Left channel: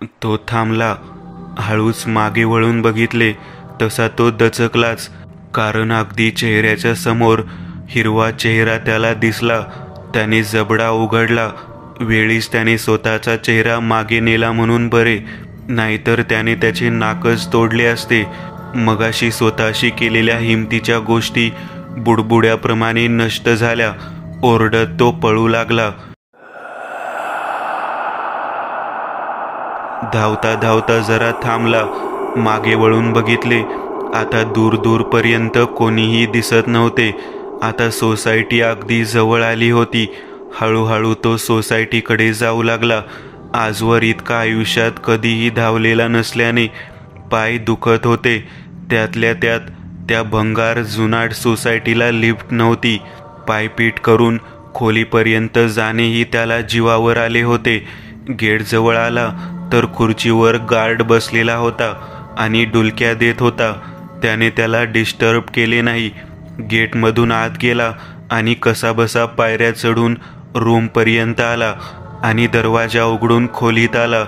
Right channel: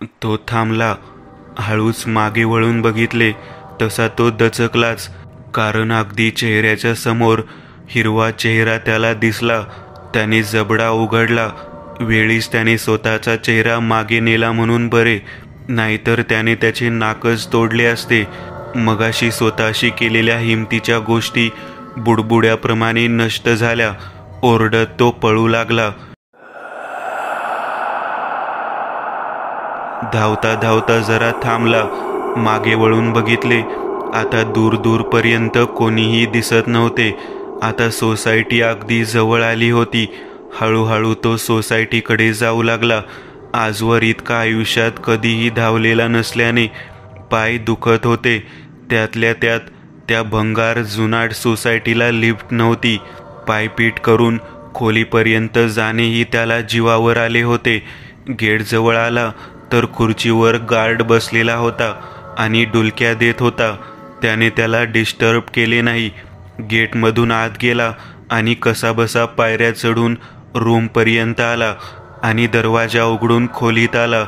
तो थांबला. हळूच मागे वळून बघितले तसा तो दचकलाच, कारण अगदी चेहऱ्याच्या समोर हिरवा चेहरा त्याला दिसला. त्याने जबडा उघडला. वेळीच त्याने स्वतःचा चेहरा मागे नेला म्हणून बरे, नाहीतर त्याने त्याचे नाकच तोडले असते. मगाशी स्वतःशी केलेल्या हिमतीच्या गोष्टी बुडबुड्याप्रमाणे नष्ट झाल्या. ओरडत तो पळू लागला. धावता धावता जरा थांबला. मागे वळून बघितले. आता दूर दूरपर्यंत कोणीही दिसत नव्हते. आता सोसायटी अगदी जवळ आली होती. हळूहळू तो सोसायटीकडे जाऊ लागला. आजवर इतका आयुष्यात कधीही धावलेला नसल्याने पाय दुखत होते. त्यातल्या त्यात त्या भंगार जुनाट सोसायटीला लिफ्ट नव्हती. पायपीट करून खोलीपर्यंत जाणेही त्याला जीवावर आले होते. गेट जवळ आला तर खुर्चीवर गार्ड बसलेला होता आणि डुलक्या देत होता. त्याने त्याला डिस्टर्ब केले नाही. गेटमधून आत गेला आणि कसाबसा पायऱ्या चढून रूमपर्यंत आला आणि दरवाजा उघडून खोलीत आला.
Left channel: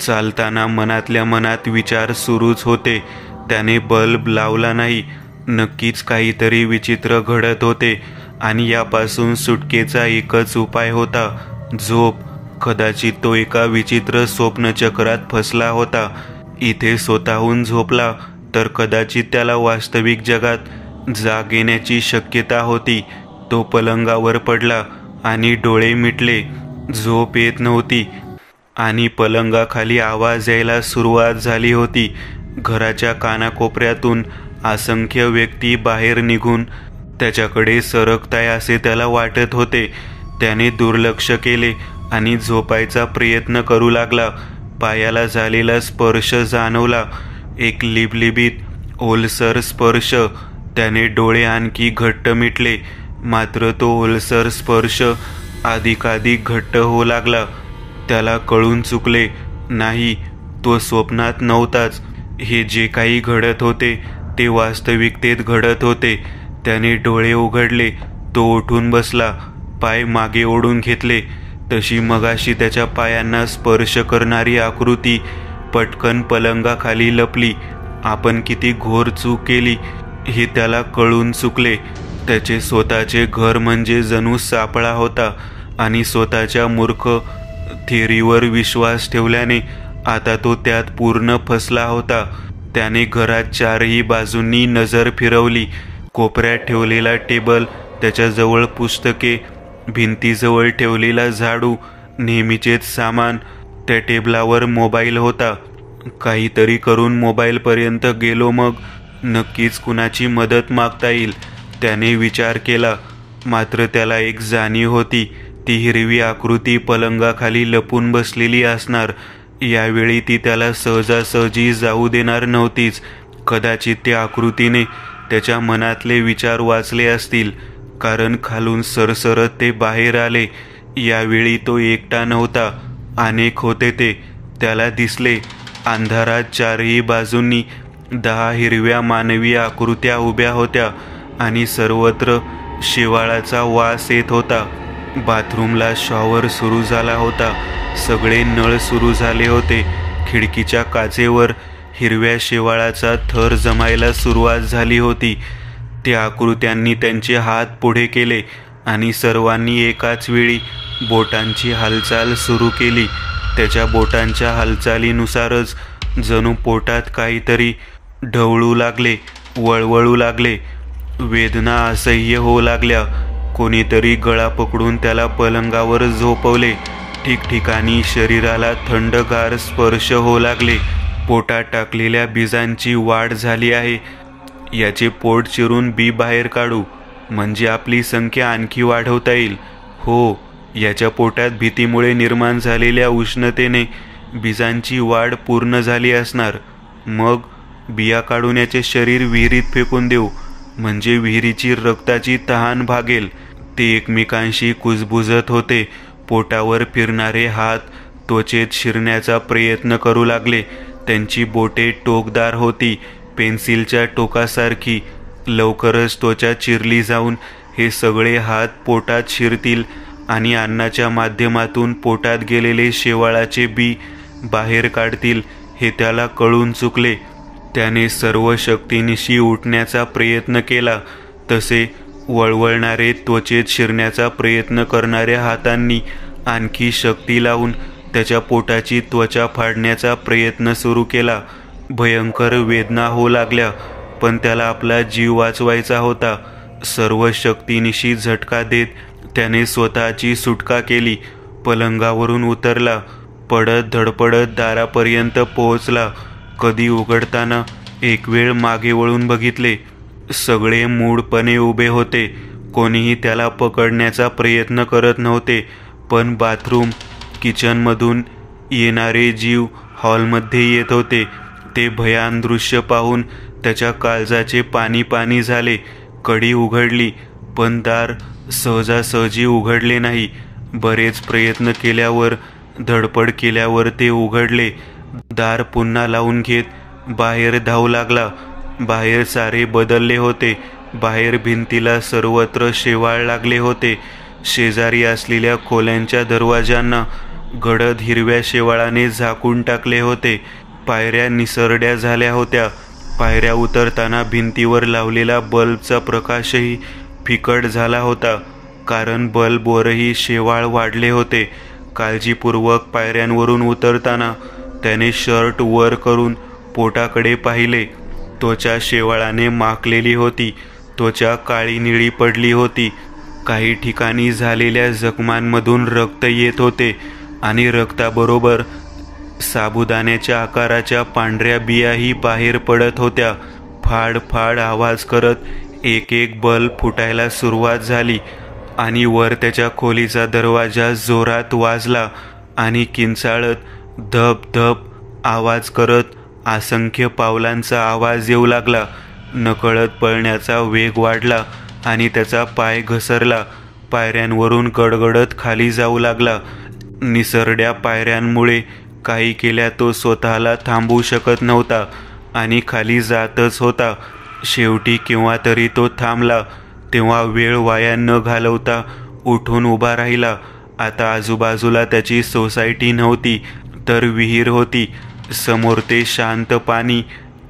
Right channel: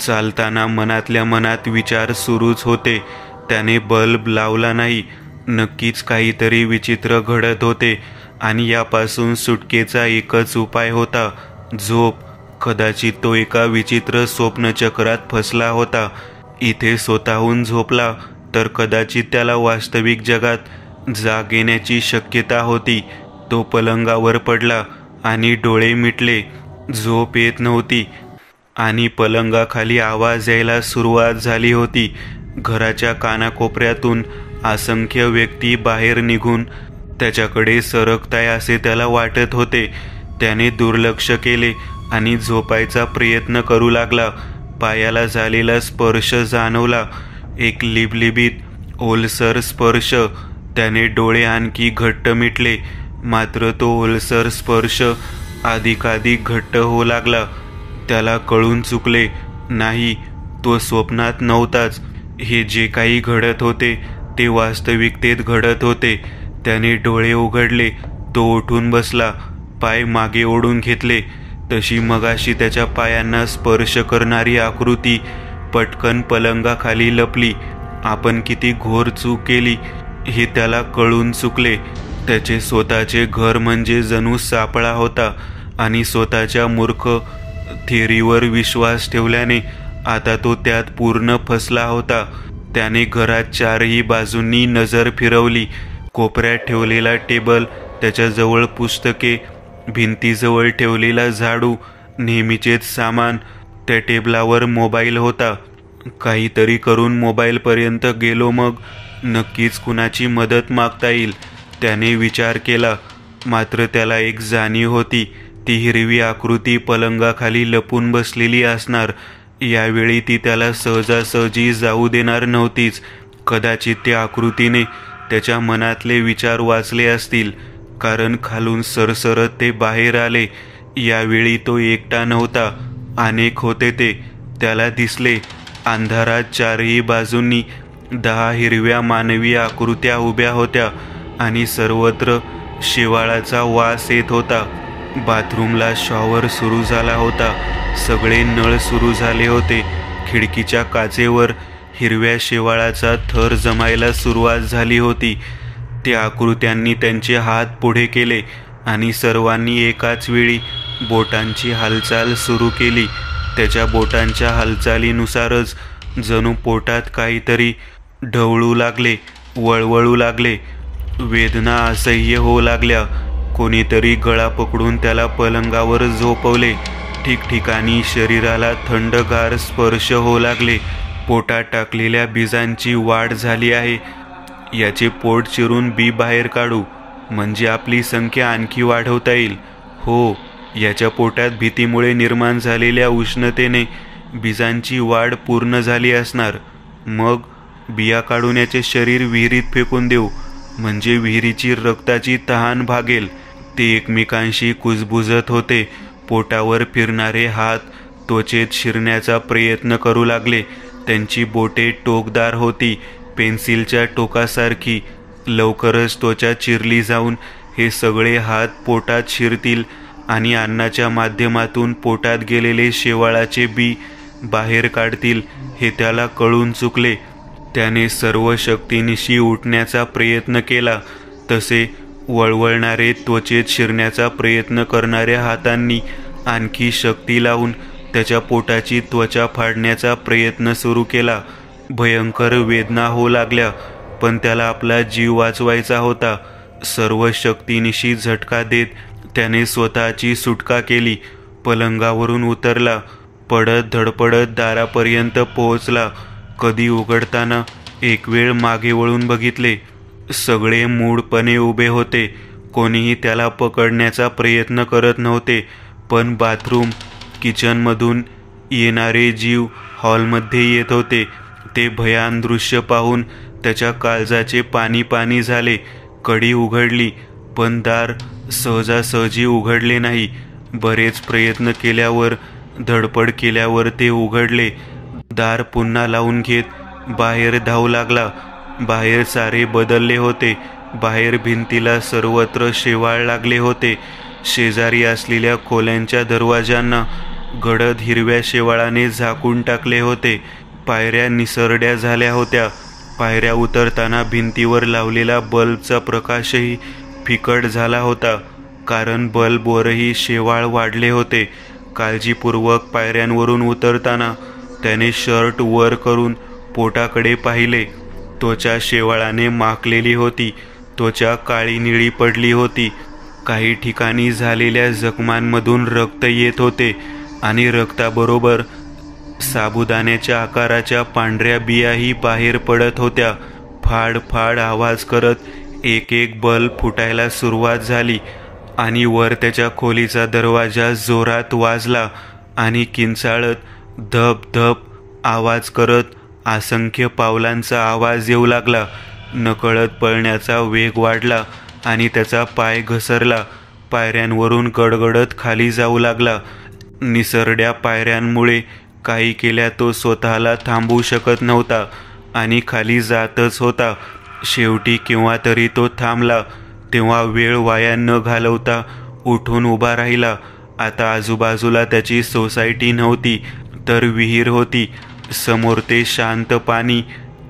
चालताना मनातल्या मनात विचार सुरूच होते. त्याने बल्ब लावला नाही. नक्कीच काहीतरी विचित्र घडत होते आणि यापासून सुटकेचा एकच उपाय होता, झोप. कदाचित तो एका विचित्र स्वप्नचक्रात फसला होता. इथे स्वतःहून झोपला तर कदाचित त्याला वास्तविक जगात जाग येण्याची शक्यता होती. तो पलंगावर पडला आणि डोळे मिटले. झोप येत नव्हती आणि पलंगाखाली आवाज यायला सुरुवात झाली होती. घराच्या कानाकोपऱ्यातून असंख्य व्यक्ती बाहेर निघून त्याच्याकडे सरकताय असे त्याला वाटत होते. त्याने दुर्लक्ष केले आणि झोपायचा प्रयत्न करू लागला. पायाला झालेला स्पर्श जाणवला, एक लिबलिबीत ओलसर स्पर्श. त्याने डोळे आणखी घट्ट मिटले, मात्र तो ओलसर स्पर्श अधिकाधिक घट्ट होऊ लागला. त्याला कळून चुकले, नाही, तो स्वप्नात नव्हताच. हे जे काही घडत होते ते वास्तविकतेत घडत होते. त्याने डोळे उघडले. तो उठून बसला, पाय मागे ओढून घेतले. तशी मगाशी त्याच्या पायांना स्पर्श करणारी आकृती पटकन पलंगाखाली लपली. आपण किती घोर चूक केली हे त्याला कळून चुकले. त्याचे स्वतःचे घर म्हणजे जणू सापळा होता आणि स्वतःच्या मूर्ख थिअरीवर विश्वास ठेवल्याने आता तो त्यात पूर्ण फसला होता. त्याने घरात चारही बाजूंनी नजर फिरवली. कोपऱ्यात ठेवलेला टेबल, त्याच्याजवळ पुस्तके, भिंतीजवळ ठेवलेला झाडू, नेहमीचेच सामान. त्या टेबलावर मोबाईल होता. काहीतरी करून मोबाईलपर्यंत गेलो, मग नक्कीच कुणाची मदत मागता येईल, त्याने विचार केला. मात्र त्याला एक जाणीव होती, ती हिरवी आकृती पलंगाखाली लपून बसलेली असणार. यावेळी ती त्याला सहजासहजी जाऊ देणार नव्हतीच. कदाचित त्या आकृतीने त्याच्या मनातले विचार वाचले असतील, कारण खालून सरसरत ते बाहेर आले. यावेळी तो एकटा नव्हता, अनेक होते ते. त्याला दिसले, अंधारात चारही बाजूंनी 10 हिरव्या मानवी आकृत्या उभ्या होत्या आणि सर्वत्र शेवाळाचा वास येत होता. बाथरूमला शॉवर सुरू झाला होता. सगळे नळ सुरू झाले होते. खिडकीच्या काचेवर हिरव्या शेवाळाचा थर जमायला सुरुवात झाली होती. त्या आकृत्यांनी त्यांचे हात पुढे केले आणि सर्वांनी एकाच वेळी बोटांची हालचाल सुरू केली. त्याच्या बोटांच्या हालचालीनुसारच जणू पोटात काहीतरी ढवळू लागले, वळवळू लागले. वेदना असह्य होऊ लागल्या. कोणीतरी गळा पकडून त्याला पलंगावर झोपवले. ठिकठिकाणी शरीराला थंडगार स्पर्श होऊ लागले. पोटात टाकलेल्या बीजांची वाढ झाली आहे. याचे पोट चिरून बी बाहेर काढू म्हणजे आपली संख्या आणखी वाढवता येईल. हो, याच्या पोटात भीतीमुळे निर्माण झालेल्या उष्णतेने बीजांची वाढ पूर्ण झाली असणार. मग बिया काढून याचे शरीर विहिरीत फेकून देऊ म्हणजे विहिरीची रक्ताची तहान भागेल. ते एकमेकांशी कुजबुजत होते. पोटावर फिरणारे हात त्वचेत शिरण्याचा प्रयत्न करू लागले. त्यांची बोटे टोकदार होती, पेन्सिलच्या टोकासारखी. लवकरच त्वचा चिरली जाऊन हे सगळे हात पोटात शिरतील आणि अन्नाच्या माध्यमातून पोटात गेलेले शेवाळाचे बी बाहेर काढतील हे त्याला कळून चुकले. त्याने सर्व शक्तीनिशी उठण्याचा प्रयत्न केला. तसे वळवळणारे त्वचेत शिरण्याचा प्रयत्न करणाऱ्या हातांनी आणखी शक्ती लावून त्याच्या पोटाची त्वचा फाडण्याचा प्रयत्न सुरू केला. भयंकर वेदना होऊ लागल्या, पण त्याला आपला जीव वाचवायचा होता. सर्व शक्तीनिशी झटका देत त्याने स्वतःची सुटका केली. पलंगावरून उतरला. पडत धडपडत दारापर्यंत पोहोचला. कधी उघडताना एक वेळ मागे वळून बघितले. सगळे मूढपणे उभे होते. कोणीही त्याला पकडण्याचा प्रयत्न करत नव्हते. पण बाथरूम किचनमधून येणारे जीव हॉलमध्ये येत होते. ते भयान दृश्य पाहून त्याच्या काळजाचे पाणी पाणी झाले. कडी उघडली, पण दार सहजासहजी उघडले नाही. बरेच प्रयत्न केल्यावर, धडपड केल्यावर ते उघडले. दार पुन्हा लावून घेत बाहेर धावू लागला. बाहेर सारे बदलले होते. बाहेर भिंतीला सर्वत्र शेवाळ लागले होते. शेजारी असलेल्या खोल्यांच्या दरवाजांना गडद हिरव्या शेवाळाने झाकून टाकले होते. पायऱ्या निसरड्या झाल्या होत्या. पायऱ्या उतरताना भिंतीवर लावलेला बल्बचा प्रकाशही फिकट झाला होता, कारण बल्बवरही शेवाळ वाढले होते. काळजीपूर्वक पायऱ्यांवरून उतरताना त्याने शर्ट वर करून पोटाकडे पाहिले. त्वचा शेवाळाने माखलेली होती. त्वचा काळी निळी पडली होती. काही ठिकाणी झालेल्या जखमांमधून रक्त येत होते आणि रक्ताबरोबर साबुदाण्याच्या आकाराच्या पांढऱ्या बियाही बाहेर पडत होत्या. फाड फाड आवाज करत एक एक बल्ब फुटायला सुरुवात झाली आणि वर त्याच्या खोलीचा दरवाजा जोरात वाजला आणि किंचाळत धप धप आवाज करत असंख्य पावलांचा आवाज येऊ लागला. नकळत पळण्याचा वेग वाढला आणि त्याचा पाय घसरला. पायऱ्यांवरून गडगडत खाली जाऊ लागला. निसरड्या पायऱ्यांमुळे काही केल्या तो स्वतःला थांबवू शकत नव्हता आणि खाली जातच होता. शेवटी केव्हा तरी तो थांबला. तेव्हा वेळ वाया न घालवता उठून उभा राहिला. आता आजूबाजूला त्याची सोसायटी नव्हती, तर विहीर होती. समोर ते शांत पाणी,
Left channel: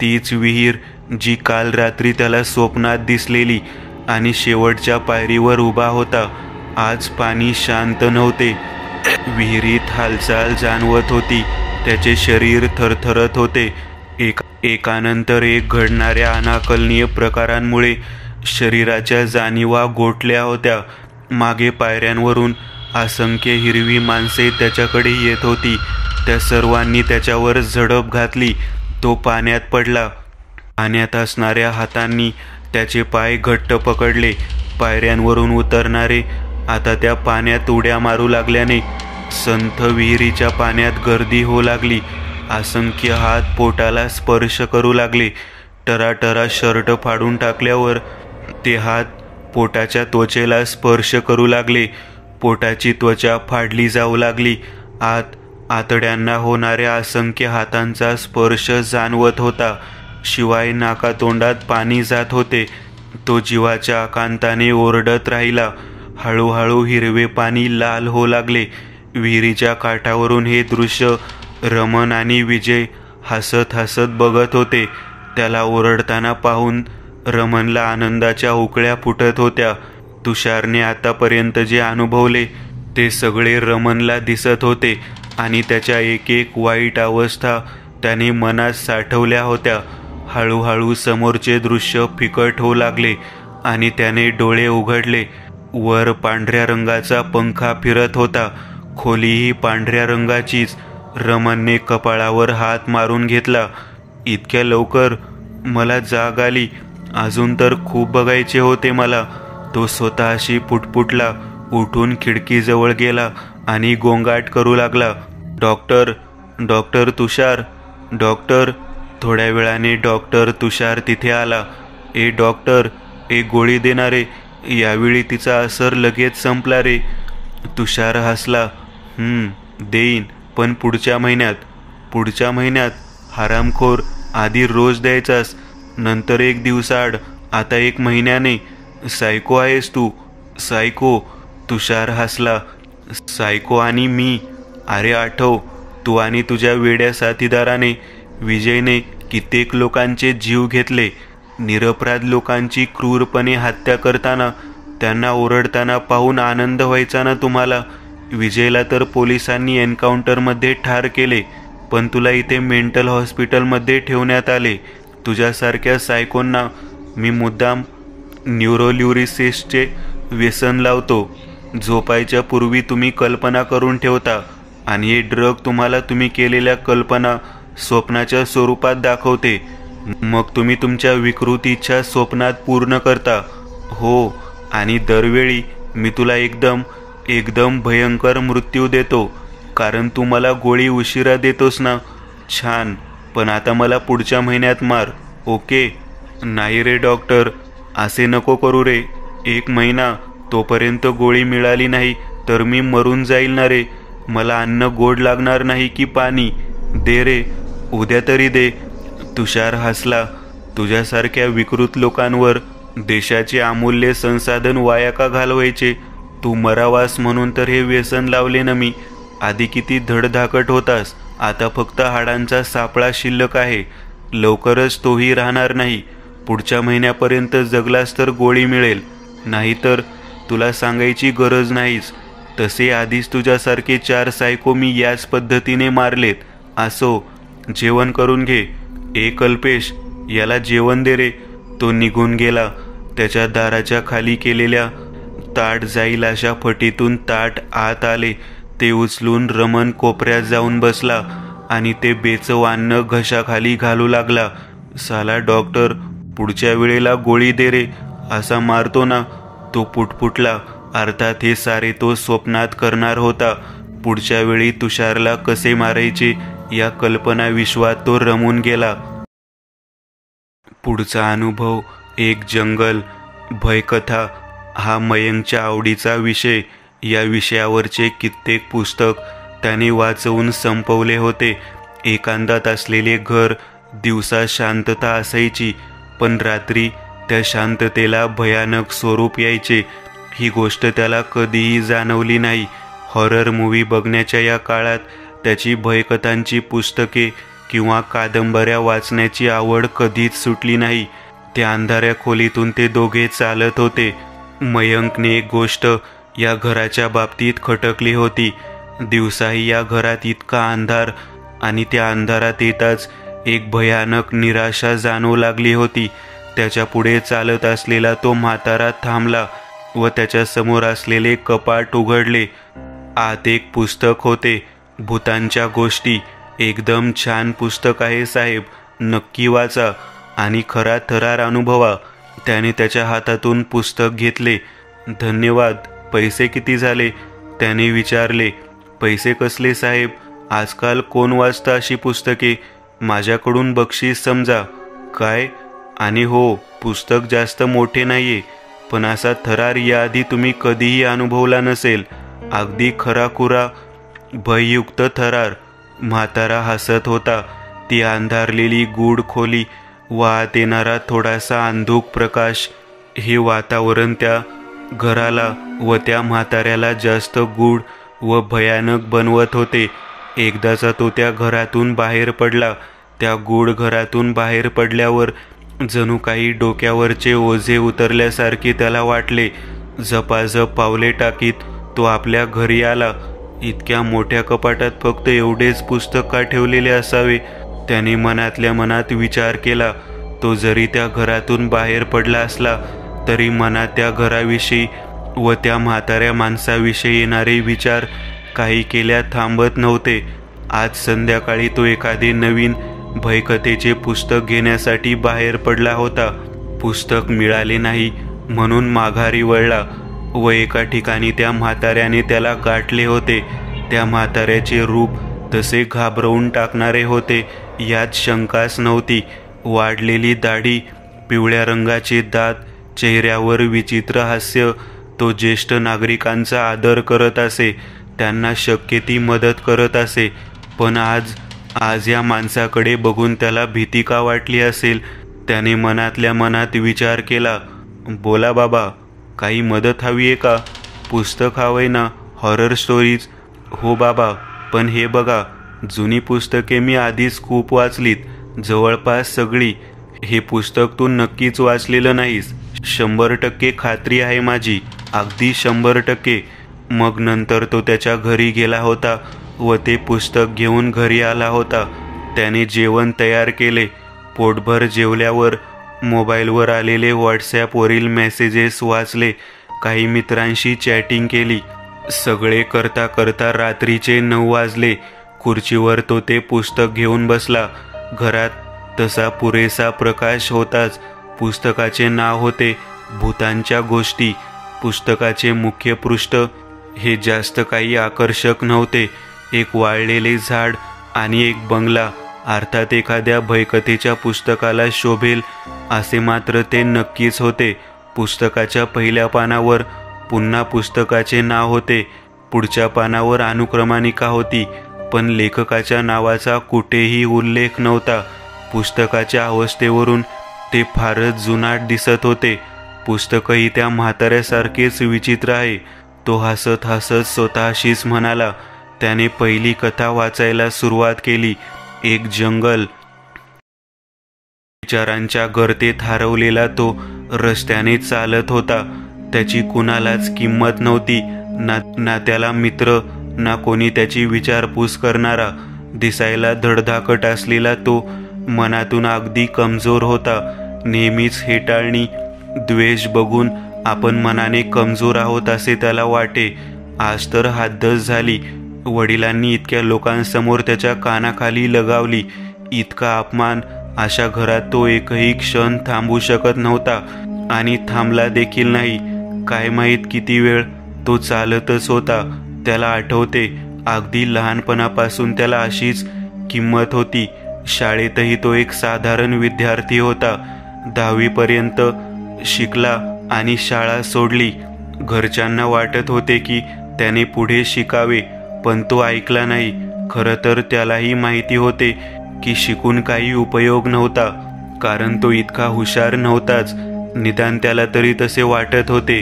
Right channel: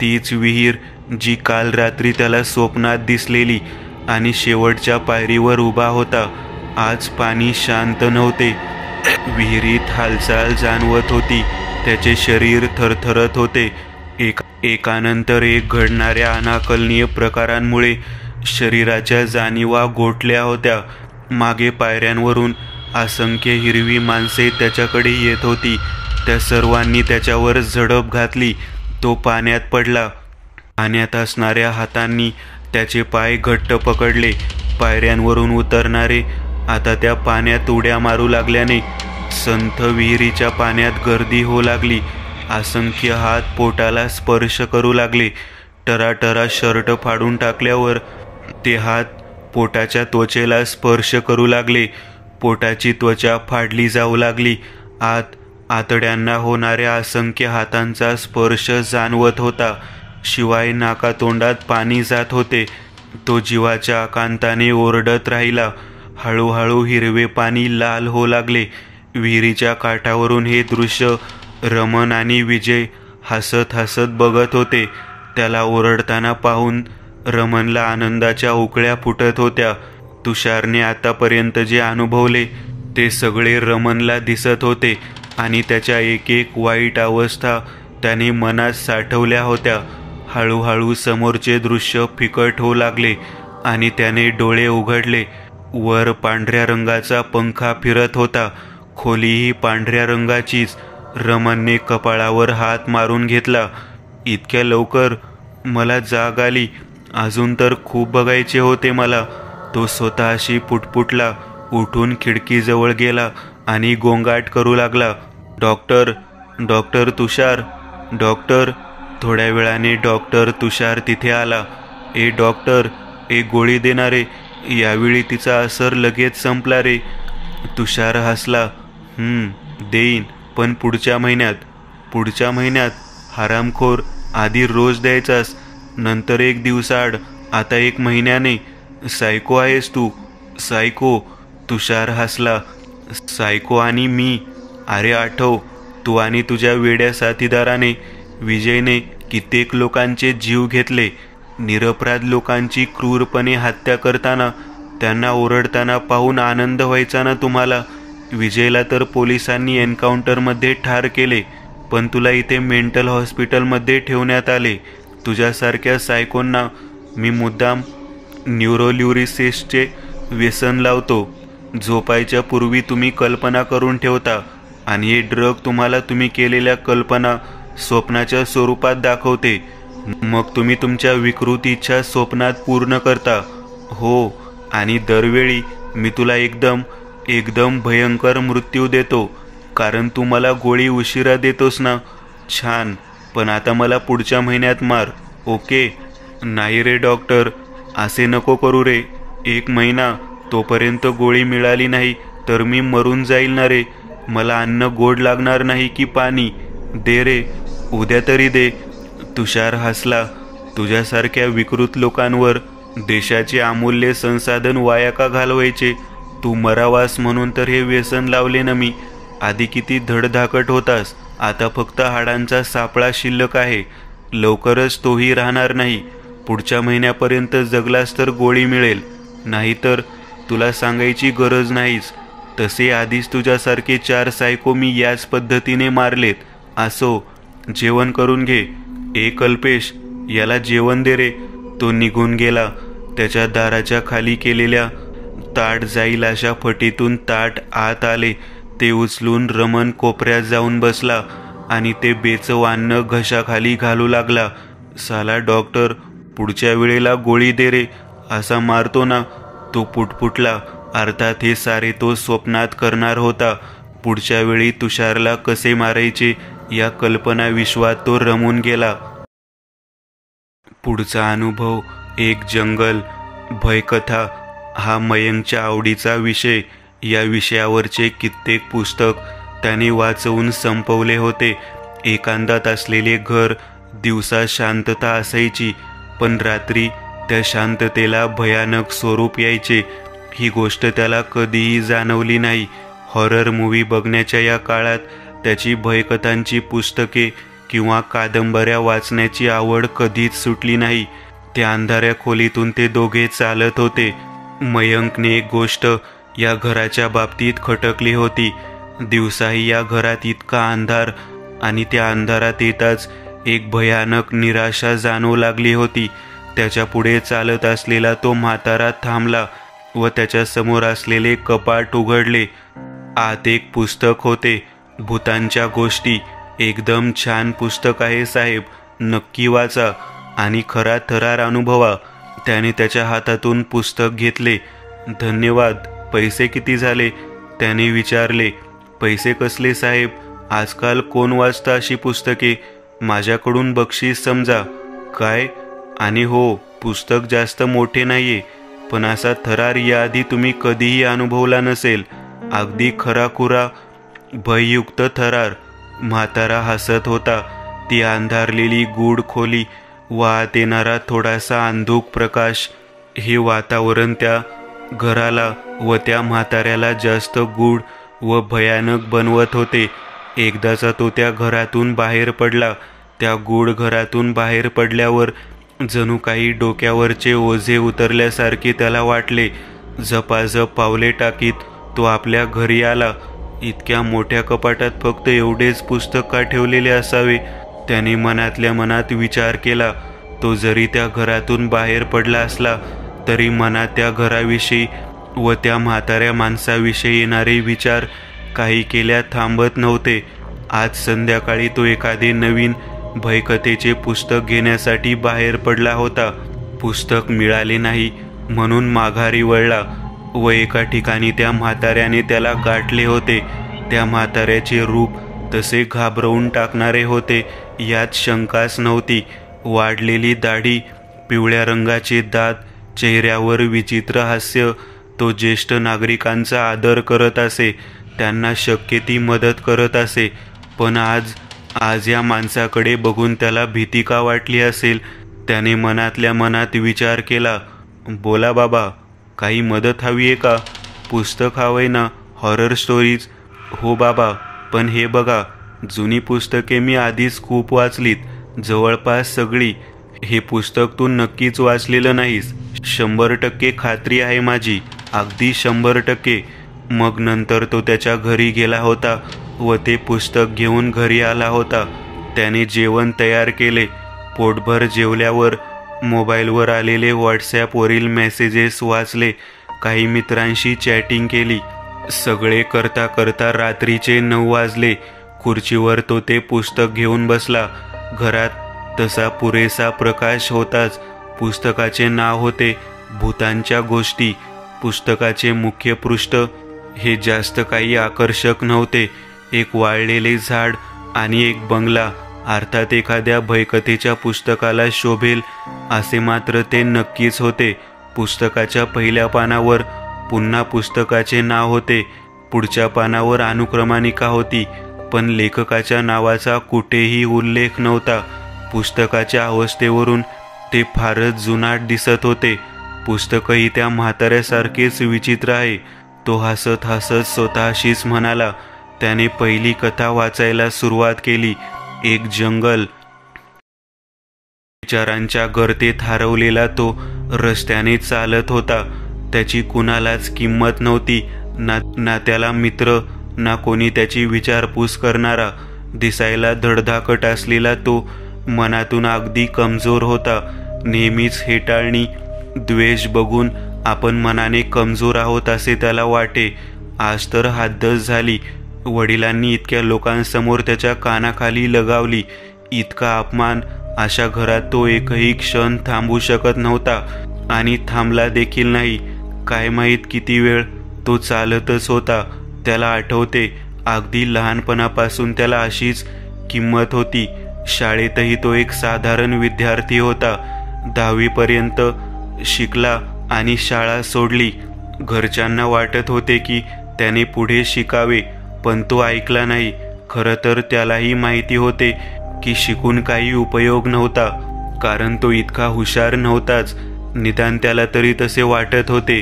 तीच विहीर जी काल रात्री त्याला स्वप्नात दिसलेली, आणि शेवटच्या पायरीवर उभा होता. आज पाणी शांत नव्हते. विहिरीत हालचाल जाणवत होती. त्याचे शरीर थरथरत होते. एकानंतर एक घडणाऱ्या अनाकलनीय प्रकारांमुळे शरीराच्या जाणीवा गोठल्या होत्या. मागे पायऱ्यांवरून असंख्य हिरवी माणसे त्याच्याकडे येत होती. त्या सर्वांनी त्याच्यावर झडप घातली. तो पाण्यात पडला. पाण्यात असणाऱ्या हातांनी त्याचे पाय घट्ट पकडले. पायऱ्यांवरून उतरणारे आता त्या पाण्यात उड्या मारू लागल्याने संथ विहिरीच्या पाण्यात गर्दी होऊ लागली. असंख्य हात पोटाला स्पर्श करू लागले. टराटरा शर्ट फाडून टाकल्यावर ते हात पोटाच्या त्वचेला स्पर्श करू लागले. पोटाची त्वचा फाडली जाऊ लागली. आत आतड्यांना होणाऱ्या असंख्य हातांचा स्पर्श जाणवत होता. शिवाय नाकातोंडात पाणी जात होते. तो जीवाच्या आकांताने ओरडत राहिला. हळूहळू हिरवे पाणी लाल होऊ लागले. विहिरीच्या काठावरून हे दृश्य रमन आणि विजय हसत हसत बघत होते. त्याला ओरडताना पाहून रमनला आनंदाच्या उकळ्या फुटत होत्या. तुषारने आतापर्यंत जे अनुभवले ते सगळे रमनला दिसत होते आणि त्याच्या एक एक वाईट अवस्था त्याने मनात साठवल्या होत्या. हळूहळू समोरचे दृश्य फिकट होऊ लागले आणि त्याने डोळे उघडले. वर पांढऱ्या रंगाचा पंखा फिरत होता. खोलीही पांढऱ्या रंगाचीच. रमनने कपाळावर हात मारून घेतला. इतक्या लवकर? मला जाग आली. अजून तर खूप बघायचे होते मला. तो स्वतःशी पुटपुटला. उठून खिडकीजवळ गेला आणि गोंगाट करू लागला. डॉक्टर, डॉक्टर तुषार, डॉक्टर. थोड्या वेळाने डॉक्टर तुषार तिथे आला. ए डॉक्टर, एक गोळी देणारे. यावेळी तिचा असर लगेच संपला रे. तुषार हसला. देईन, पण पुढच्या महिन्यात. पुढच्या महिन्यात? हरामखोर, आधी रोज द्यायचास, नंतर 1 दिवसाआड, आता 1 महिन्याने. सायको आहेस तू, सायको. तुषार हसला. सायको आणि मी? अरे आठव, तू आणि तुझ्या वेड्या साथीदाराने विजयने कित्येक लोकांचे जीव घेतले. निरपराध लोकांची क्रूरपणे हत्या करताना त्यांना ओरडताना पाहून आनंद व्हायचा ना तुम्हाला. विजयला तर पोलिसांनी एन्काउंटरमध्ये ठार केले, पण तुला इथे मेंटल हॉस्पिटलमध्ये ठेवण्यात आले. तुझ्यासारख्या सायकोंना मी मुद्दाम न्यूरोल्युरिसिसचे व्यसन लावतो. झोपायच्या पूर्वी तुम्ही कल्पना करून ठेवता आणि हे ड्रग तुम्हाला तुम्ही केलेल्या कल्पना स्वप्नाच्या स्वरूपात दाखवते. मग तुम्ही तुमच्या विकृत इच्छा स्वप्नात पूर्ण करता. हो, आणि दरवेळी मी तुला एकदम भयंकर मृत्यू देतो, कारण तू मला गोळी उशिरा देतोस ना. छान, पण आता मला पुढच्या महिन्यात मार, ओके? नाही रे डॉक्टर, असे नको करू रे. 1 महिना, तोपर्यंत गोळी मिळाली नाही तर मी मरून जाईल ना रे. मला अन्न गोड लागणार नाही की पाणी? दे रे, उद्या तरी दे. तुषार हसला. तुझ्यासारख्या विकृत लोकांवर देशाचे अमूल्य संसाधन वाया का घालवायचे? तू मरावास म्हणून तर हे व्यसन लावले ना मी. आधी किती धडधाकट होतास, आता फक्त हाडांचा सापळा शिल्लक आहे. लवकरच तोही राहणार नाही. पुढच्या महिन्यापर्यंत जगलास तर गोळी मिळेल, नाहीतर तुला सांगायची गरज नाहीच. तसे आधीच तुझ्यासारखे 4 सायको मी याच पद्धतीने मारलेत. असो, जेवण करून घे. कल्पेश, याला जेवण दे रे. तो निघून गेला. त्याच्या दाराच्या खाली केलेल्या ताट जाईल अशा फटीतून ताट आत आले. ते उचलून रमण कोपऱ्यात जाऊन बसला आणि ते बेचव अन्न घशाखाली घालू लागला. साला डॉक्टर, पुढच्या वेळेला गोळी दे रे, असा मारतो ना. तो पुटपुटला. अर्थात हे सारे तो स्वप्नात करणार होता. पुढच्या वेळी तुषारला कसे मारायचे या कल्पना विश्वात तो रमून गेला. पुढचा अनुभव एक जंगल भयकथा हा मयंकच्या आवडीचा विषय. या विषयावरचे कित्येक पुस्तक त्याने वाचवून संपवले होते. एकांतात असलेले घर, दिवसा शांतता असायची, पण रात्री त्या शांततेला भयानक स्वरूप यायचे. ही गोष्ट त्याला कधीही जाणवली नाही. हॉरर मूव्ही बघण्याच्या या काळात त्याची भयकथांची पुस्तके किंवा कादंबऱ्या वाचण्याची आवड कधीच सुटली नाही. त्या अंधाऱ्या खोलीतून ते दोघे चालत होते. मयंकने एक गोष्ट या घराच्या बाबतीत खटकली होती. दिवसाही या घरात इतका अंधार आणि त्या अंधारात येताच एक भयानक निराशा जाणवू लागली होती. त्याच्या पुढे चालत असलेला तो म्हातारा थांबला व त्याच्या समोर असलेले कपाट उघडले. आत एक पुस्तक होते, भूतांच्या गोष्टी. एकदम छान पुस्तक आहे साहेब, नक्की वाचा आणि खरा थरार अनुभवा. त्याने त्याच्या हातातून पुस्तक घेतले. धन्यवाद. पैसे किती झाले? त्याने विचारले. पैसे कसले साहेब, आजकाल कोण वाचता अशी पुस्तके? माझ्याकडून बक्षीस समजा. काय? आणि हो, पुस्तक जास्त मोठे नाहीये, पण असा थरार याआधी तुम्ही कधीही अनुभवला नसेल. अगदी खराखुरा भययुक्त थरार. म्हातारा हसत होता. ती अंधारलेली गूढ खोली, वाहत येणारा थोडासा अंधुक प्रकाश, हे वातावरण त्या घराला व त्या म्हाताऱ्याला जास्त गूढ व भयानक बनवत होते. एकदाचा तो त्या घरातून बाहेर पडला. त्या गूढ घरातून बाहेर पडल्यावर जणू काही डोक्यावरचे ओझे उतरल्यासारखे त्याला वाटले. झपाझप पावले टाकीत तो आपल्या घरी आला. इतक्या मोठ्या कपाटात फक्त एवढेच पुस्तक का ठेवलेले असावे? त्याने मनातल्या मनात विचार केला. तो जरी त्या घरातून बाहेर पडला असला तरी मनात त्या घराविषयी व त्या म्हाताऱ्या माणसाविषयी येणारे विचार काही केल्या थांबत नव्हते. आज संध्याकाळी तो एखादे नवीन भयकथेचे पुस्तक घेण्यासाठी बाहेर पडला होता. पुस्तक मिळाले नाही म्हणून माघारी वळला व एका ठिकाणी त्या म्हाताऱ्याने त्याला गाठले होते. त्या म्हाताऱ्याचे रूप तसे घाबरवून टाकणारे होते यात शंकाच नव्हती. वाढलेली दाढी, पिवळ्या रंगाचे दात, चेहऱ्यावर विचित्र हास्य. तो ज्येष्ठ नागरिकांचा आदर करत असे, त्यांना शक्य ती मदत करत असे. पण आज या माणसाकडे बघून त्याला भीती का वाटली असेल? त्याने मनातल्या मनात विचार केला. बोला बाबा, काही मदत हवी आहे का? पुस्तक हवंय ना, हॉरर स्टोरीज? हो बाबा, पण हे बघा, जुनी पुस्तके मी आधीच खूप वाचलीत, जवळपास सगळी. हे पुस्तक तू नक्कीच वाचलेलं नाहीस. 100% खात्री आहे माझी, अगदी 100%. मग नंतर तो त्याच्या घरी गेला होता व ते पुस्तक घेऊन घरी आला होता. त्याने जेवण तयार केले. पोटभर जेवल्यावर मोबाईलवर आलेले व्हॉट्सॲपवरील मेसेजेस वाचले. काही मित्रांशी चॅटिंग केली. सगळे करता करता रात्रीचे 9 वाजले. खुर्चीवर तो ते पुस्तक घेऊन बसला. घरात तसा पुरेसा प्रकाश होताच. पुस्तकाचे नाव होते भूतांच्या गोष्टी. पुस्तकाचे मुख्य पृष्ठ हे जास्त काही आकर्षक नव्हते. एक वाळलेले झाड आणि एक बंगला. अर्थात एखाद्या भयकथेच्या पुस्तकाला शोभेल असे मात्र ते नक्कीच होते. पुस्तकाच्या पहिल्या पानावर पुन्हा पुस्तकाचे नाव होते. पुढच्या पानावर अनुक्रमणिका होती, पण लेखकाच्या नावाचा कुठेही उल्लेख नव्हता. पुस्तकाच्या अवस्थेवरून ते फारच जुनाट दिसत होते. पुस्तकही त्या म्हाताऱ्यासारखेच विचित्र आहे. तो हसत हसत स्वतःशीच म्हणाला. त्याने पहिली कथा वाचायला सुरुवात केली. एक जंगल. विचारांच्या गर्तेत हरवलेला तो रस्त्याने चालत होता. त्याची कुणालाच किंमत नव्हती, ना त्याला मित्र, ना कोणी त्याची विचारपूस करणारा. दिसायला धडधाकट असलेला तो मनातून अगदी कमजोर होता. नेहमीच हेटाळणी, द्वेष बघून आपण मनाने कमजोर आहोत असे त्याला वाटे. आज तर हद्दच झाली. वडिलांनी इतक्या लोकांसमोर त्याच्या कानाखाली लगावली. इतका अपमान. अशा घरात तो एकही क्षण थांबू शकत नव्हता आणि थांबला देखील नाही. काय माहीत किती वेळ तो चालतच होता. त्याला आठवते, अगदी लहानपणापासून त्याला अशीच किंमत होती. शाळेतही तो एक साधारण विद्यार्थी होता. 10वी पर्यंत शिकला आणि शाळा सोडली. घरच्यांना वाटत होते की त्याने पुढे शिकावे, पण तो ऐकला नाही. खरं तर त्यालाही माहिती होते की शिकून काही उपयोग नव्हता, कारण तो इतका हुशार नव्हताच. निदान त्याला तरी तसे वाटत होते.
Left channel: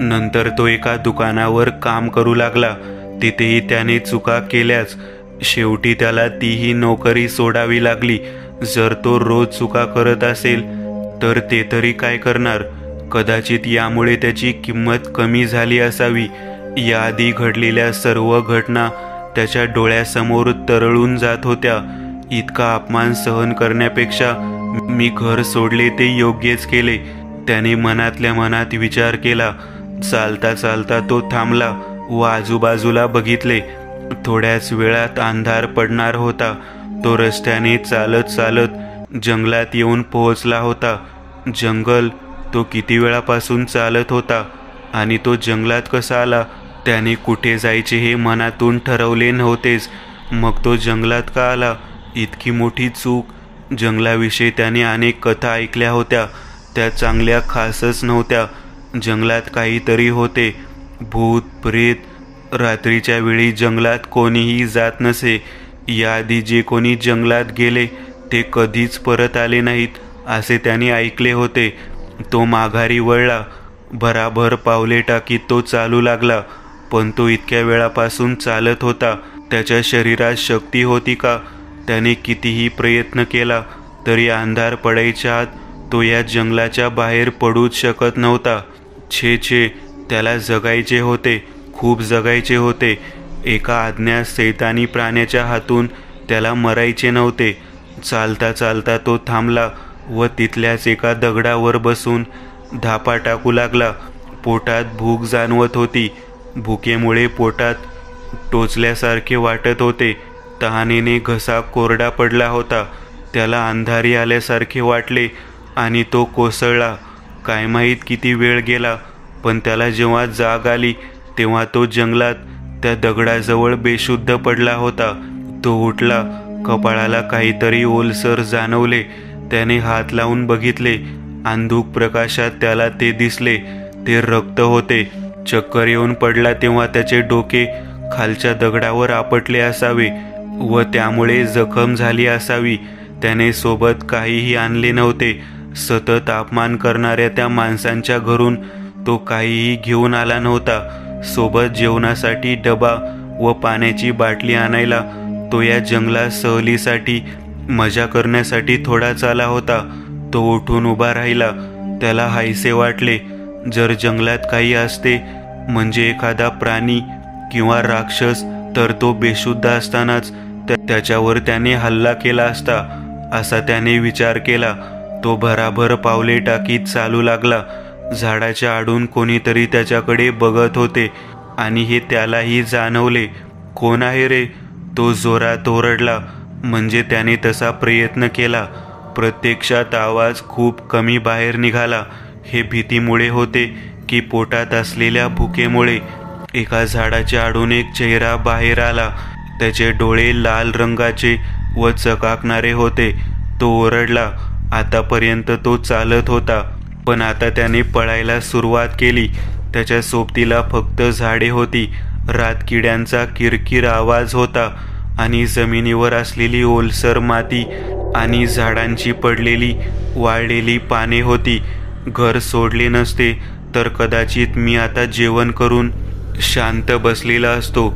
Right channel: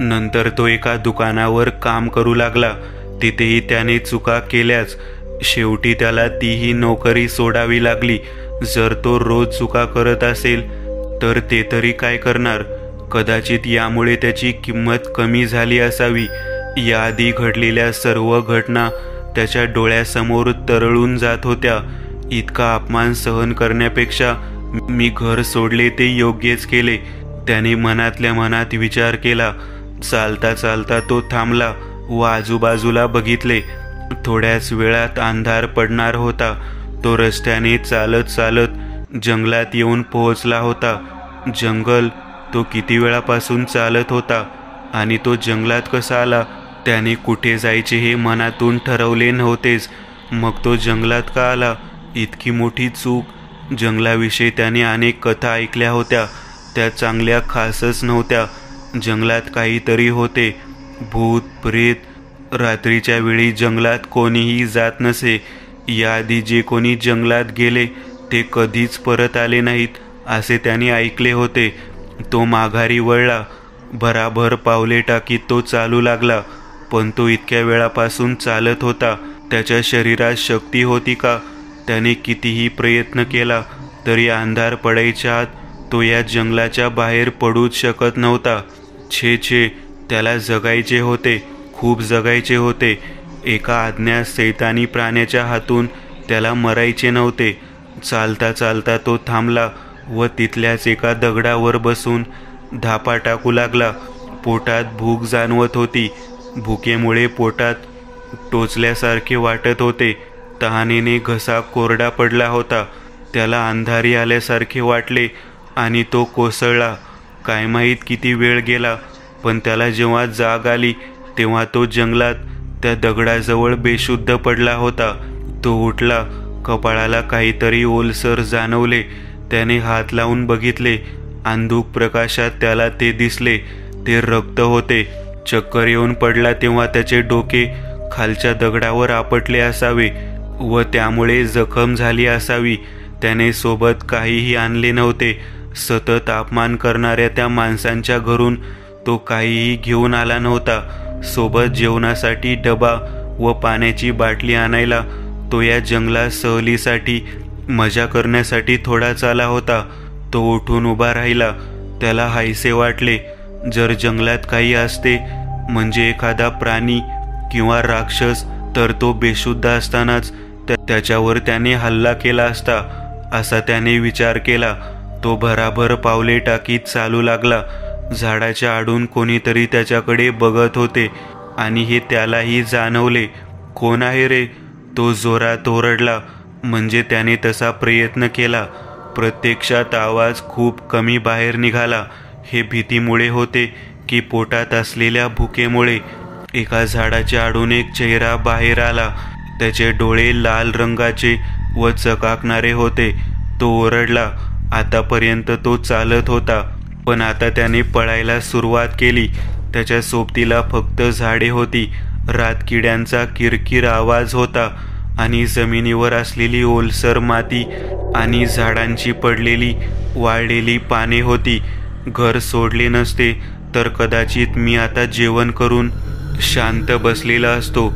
नंतर तो एका दुकानावर काम करू लागला. तिथेही त्याने चुका केल्याच. शेवटी त्याला तीही नोकरी सोडावी लागली. जर तो रोज चुका करत असेल तर ते तरी काय करणार? कदाचित यामुळे त्याची किंमत कमी झाली असावी. याआधी घडलेल्या सर्व घटना त्याच्या डोळ्यासमोर तरळून जात होत्या. इतका अपमान सहन करण्यापेक्षा मी घर सोडले ते योग्यच केले, त्याने मनातल्या मनात विचार केला. चालता चालता तो थांबला व आजूबाजूला बघितले. थोड्याच वेळात अंधार पडणार होता. तो रस्त्याने चालत चालत जंगलात येऊन पोहोचला होता. जंगल. तो किती वेळापासून चालत होता आणि तो जंगलात कसा आला? त्याने कुठे जायचे हे मनातून ठरवले नव्हतेच. मग तो जंगलात का आला? इतकी मोठी चूक. जंगलाविषयी त्याने अनेक कथा ऐकल्या होत्या. त्या चांगल्या खासच नव्हत्या. जंगलात काहीतरी होते. भूत, प्रेत. रात्रीच्या वेळी जंगलात कोणीही जात नसे. याआधी जे कोणी जंगलात गेले ते कधीच परत आले नाहीत असे त्याने ऐकले होते. तो माघारी वळला. भराभर पावले टाकीत तो चालू लागला. पण तो इतक्या वेळापासून चालत होता. त्याच्या शरीरात शक्ती होती का? त्याने कितीही प्रयत्न केला तरी अंधार पडायच्या आत तो या जंगलाच्या बाहेर पडूच शकत नव्हता. छे छे, त्याला जगायचे होते, खूप जगायचे होते. एका अज्ञात सैतानी प्राण्याच्या हातून त्याला मरायचे नव्हते. चालता चालता तो थांबला व तिथल्याच एका दगडावर बसून धापा टाकू लागला. पोटात भूक जाणवत होती. भुकेमुळे पोटात टोचल्यासारखे वाटत होते. तहानेने घसा कोरडा पडला होता. त्याला अंधारी आल्यासारखे वाटले आणि तो कोसळला. काय माहीत किती वेळ गेला, पण त्याला जेव्हा जाग आली तेव्हा तो जंगलात त्या दगडाजवळ बेशुद्ध पडला होता. तो उठला. कपाळाला काहीतरी ओलसर जाणवले. त्याने हात लावून बघितले. अंधुक प्रकाशात त्याला ते दिसले. ते रक्त होते. चक्कर येऊन पडला तेव्हा त्याचे डोके खालच्या दगडावर आपटले असावे व त्यामुळे जखम झाली असावी. त्याने सोबत काहीही आणले नव्हते. सतत अपमान करणाऱ्या त्या माणसांच्या घरून तो काहीही घेऊन आला नव्हता. सोबत जेवणासाठी डबा व पाण्याची बाटली आणायला तो या जंगलात सहलीसाठी मजा करण्यासाठी थोडाच आला होता. तो उठून उभा राहिला. त्याला हायसे वाटले. जर जंगलात काही असते म्हणजे एखादा प्राणी किंवा राक्षस तर तो बेशुद्ध असतानाच त्याच्यावर त्याने हल्ला केला असता असा त्याने विचार केला. तो भराभर पावले टाकीत चालू लागला. झाडाच्या आडून कोणीतरी त्याच्याकडे बघत होते आणि हे त्यालाही जाणवले. कोण आहे रे? तो जोरात ओरडला. म्हणजे त्याने तसा प्रयत्न केला. प्रत्यक्षात आवाज खूप कमी बाहेर निघाला. हे भीतीमुळे होते की पोटात असलेल्या भुकेमुळे. एका झाडाच्या आडून एक चेहरा बाहेर आला. त्याचे डोळे लाल रंगाचे व चकाकणारे होते. तो ओरडला. आतापर्यंत तो चालत होता, पण आता त्याने पळायला सुरुवात केली. त्याच्या सोबतीला फक्त झाडे होती. रातकिड्यांचा किरकिर आवाज होता आणि जमिनीवर असलेली ओलसर माती आणि झाडांची पडलेली वाळलेली पाने होती. घर सोडले नसते तर कदाचित मी आता जेवण करून शांत बसलेला असतो.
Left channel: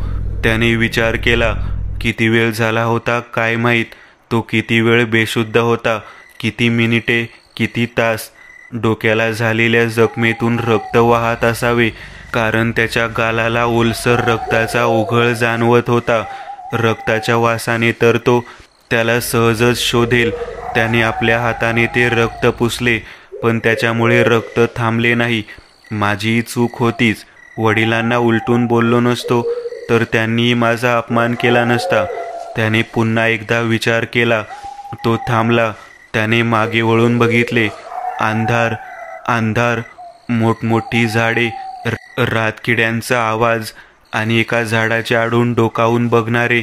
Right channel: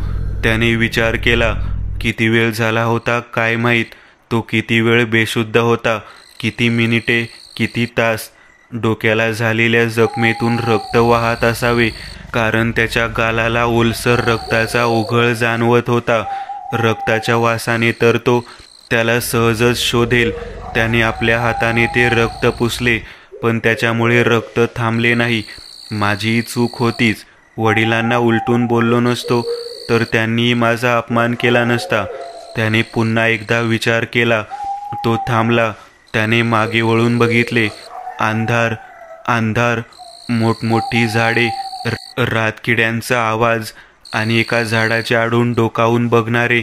त्याने विचार केला. किती वेळ झाला होता काय माहीत. तो किती वेळ बेशुद्ध होता. किती मिनिटे, किती तास. डोक्याला झालेल्या जखमेतून रक्त वाहत असावे, कारण त्याच्या गालाला ओलसर रक्ताचा ओघळ जाणवत होता. रक्ताच्या वासाने तर तो त्याला सहजच शोधेल. त्याने आपल्या हाताने ते रक्त पुसले, पण त्याच्यामुळे रक्त थांबले नाही. माझी चूक होतीच. वडिलांना उलटून बोललो नसतो तर त्यांनी माझा अपमान केला नसता. त्याने पुन्हा एकदा विचार केला. तो थांबला. त्याने मागे वळून बघितले. अंधार, अंधार, मोठमोठी झाडे, रातकिड्यांचा आवाज आणि एका झाडाच्या आडून डोकावून बघणारे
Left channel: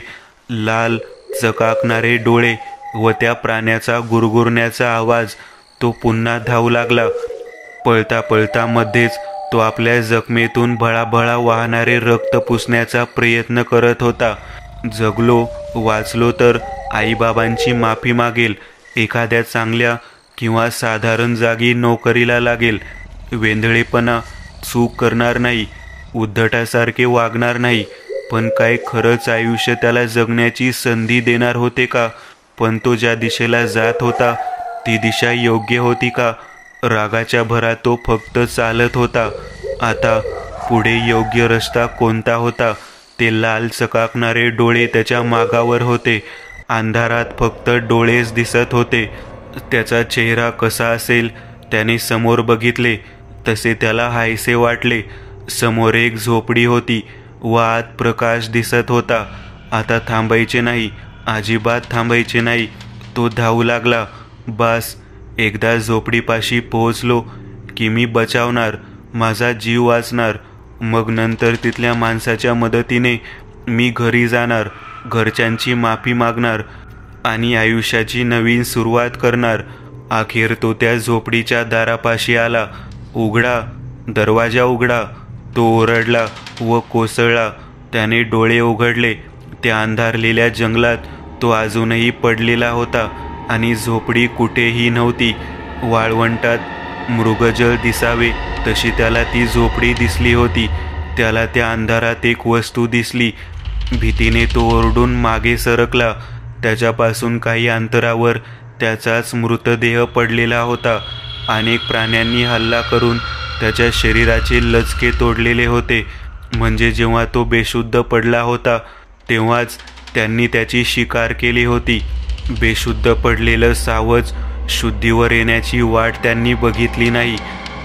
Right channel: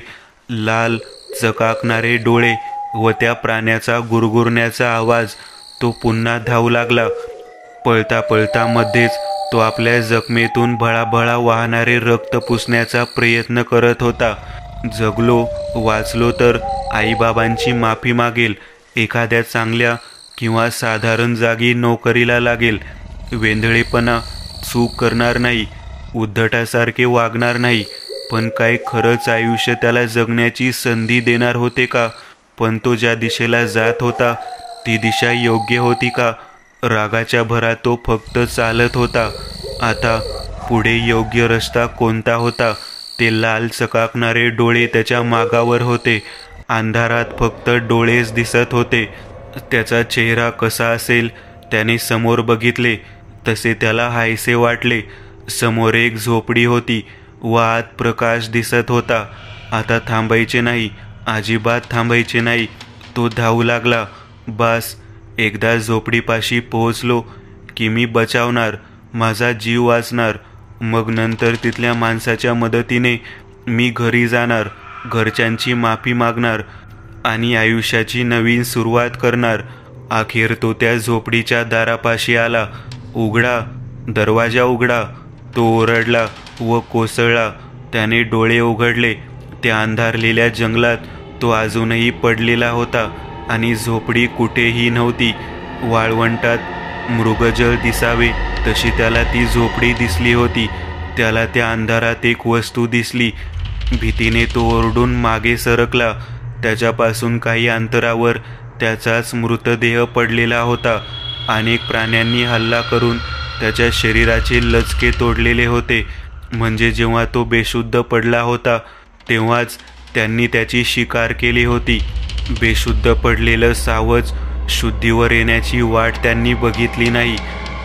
लाल चकाकणारे डोळे व त्या प्राण्याचा गुरगुरण्याचा आवाज. तो पुन्हा धावू लागला. पळता पळता मध्येच तो आपल्या जखमेतून भळाभळा वाहणारे रक्त पुसण्याचा प्रयत्न करत होता. जगलो, वाचलो तर आईबाबांची माफी मागेल. एखाद्या चांगल्या किंवा साधारण जागी नोकरीला लागेल. वेंधळेपणा, चूक करणार नाही, उद्धटासारखे वागणार नाही. पण काय खरंच आयुष्य त्याला जगण्याची संधी देणार होते का? पण तो ज्या दिशेला जात होता ती दिशा योग्य होती का? रागाच्या भरात तो फक्त चालत होता. आता पुढे योग्य रस्ता कोणता होता? ते लाल चकाकणारे डोळे त्याच्या मागावर होते. अंधारात फक्त डोळेच दिसत होते. त्याचा चेहरा कसा असेल? त्याने समोर बघितले तसे त्याला हायसे वाटले. समोर एक झोपडी होती व आत प्रकाश दिसत होता. आता थांबायचे नाही, अजिबात थांबायचे नाही. तो धावू लागला. बास, एकदा झोपडीपाशी पोहोचलो की मी बचावणार, माझा जीव वाचणार. मग नंतर तिथल्या माणसाच्या मदतीने मी घरी जाणार, घरच्यांची माफी मागणार आणि आयुष्याची नवीन सुरुवात करणार. अखेर तो त्या झोपडीच्या दारापाशी आला. उघडा, दरवाजा उघडा. तो ओरडला व कोसळला. त्याने डोळे उघडले. त्या अंधारलेल्या जंगलात तो अजूनही पडलेला होता आणि झोपडी कुठेही नव्हती. वाळवंटात मृगजळ दिसावे तशी त्याला ती झोपडी दिसली होती. त्याला त्या अंधारात एक वस्तू दिसली. भीतीने तो ओरडून मागे सरकला. त्याच्यापासून काही अंतरावर त्याचाच मृतदेह पडलेला होता. अनेक प्राण्यांनी हल्ला करून त्याच्या शरीराचे लचके तोडलेले होते. म्हणजे जेव्हा तो बेशुद्ध पडला होता तेव्हाच त्यांनी त्याची शिकार केली होती. बेशुद्ध पडलेलं सावज शुद्धीवर येण्याची वाट त्यांनी बघितली नाही.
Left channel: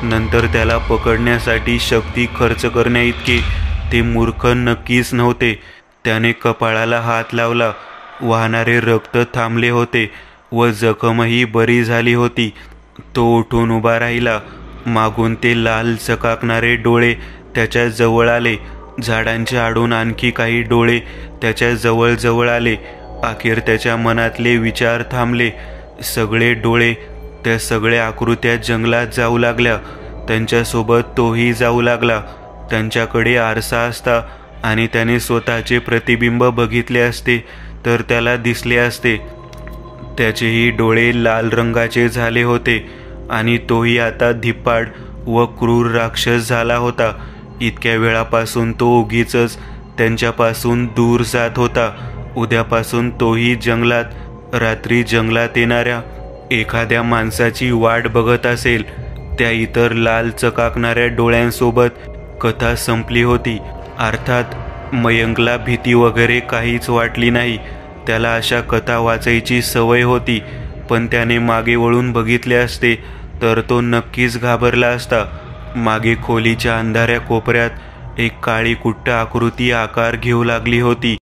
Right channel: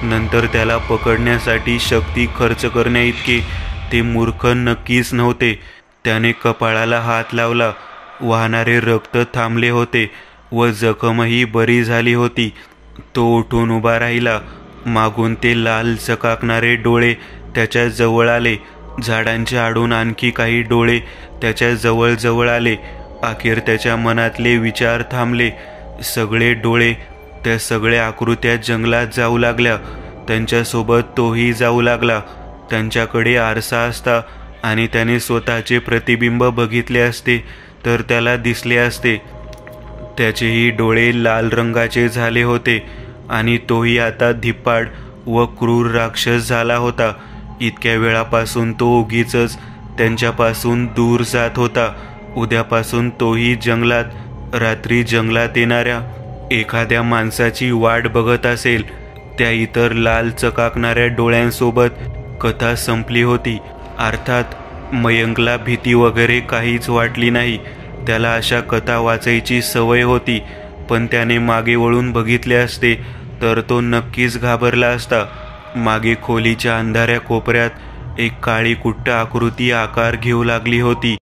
नंतर त्याला पकडण्यासाठी शक्ती खर्च करण्याइतके ते मूर्ख नक्कीच नव्हते. त्याने कपाळाला हात लावला. वाहणारे रक्त थांबले होते व जखमही बरी झाली होती. तो उठून उभा राहिला. मागून ते लाल चकाकणारे डोळे त्याच्या जवळ आले. झाडांच्या आडून आणखी काही डोळे त्याच्या जवळ जवळ आले. अखेर त्याच्या मनातले विचार थांबले. सगळे डोळे, त्या सगळ्या आकृत्या जंगलात जाऊ लागल्या. त्यांच्यासोबत तोही जाऊ लागला. त्यांच्याकडे आरसा असता आणि त्याने स्वतःचे प्रतिबिंब बघितले असते तर त्याला दिसले असते. त्याचेही डोळे लाल रंगाचे झाले होते आणि तोही आता धिप्पाड व क्रूर राक्षस झाला होता. इतक्या वेळापासून तो उगीचच त्यांच्यापासून दूर जात होता. उद्यापासून तोही जंगलात रात्री जंगलात येणाऱ्या एखाद्या माणसाची वाट बघत असेल. त्या इतर लाल चकाकणाऱ्या डोळ्यांसोबत कथा संपली होती. अर्थात मयंकला भीती वगैरे काहीच वाटली नाही. त्याला अशा कथा वाचायची सवय होती. पण त्याने मागे वळून बघितले असते तर तो नक्कीच घाबरला असता. मागे खोलीच्या अंधाऱ्या कोपऱ्यात एक काळी कुट्ट आकृती आकार घेऊ लागली होती.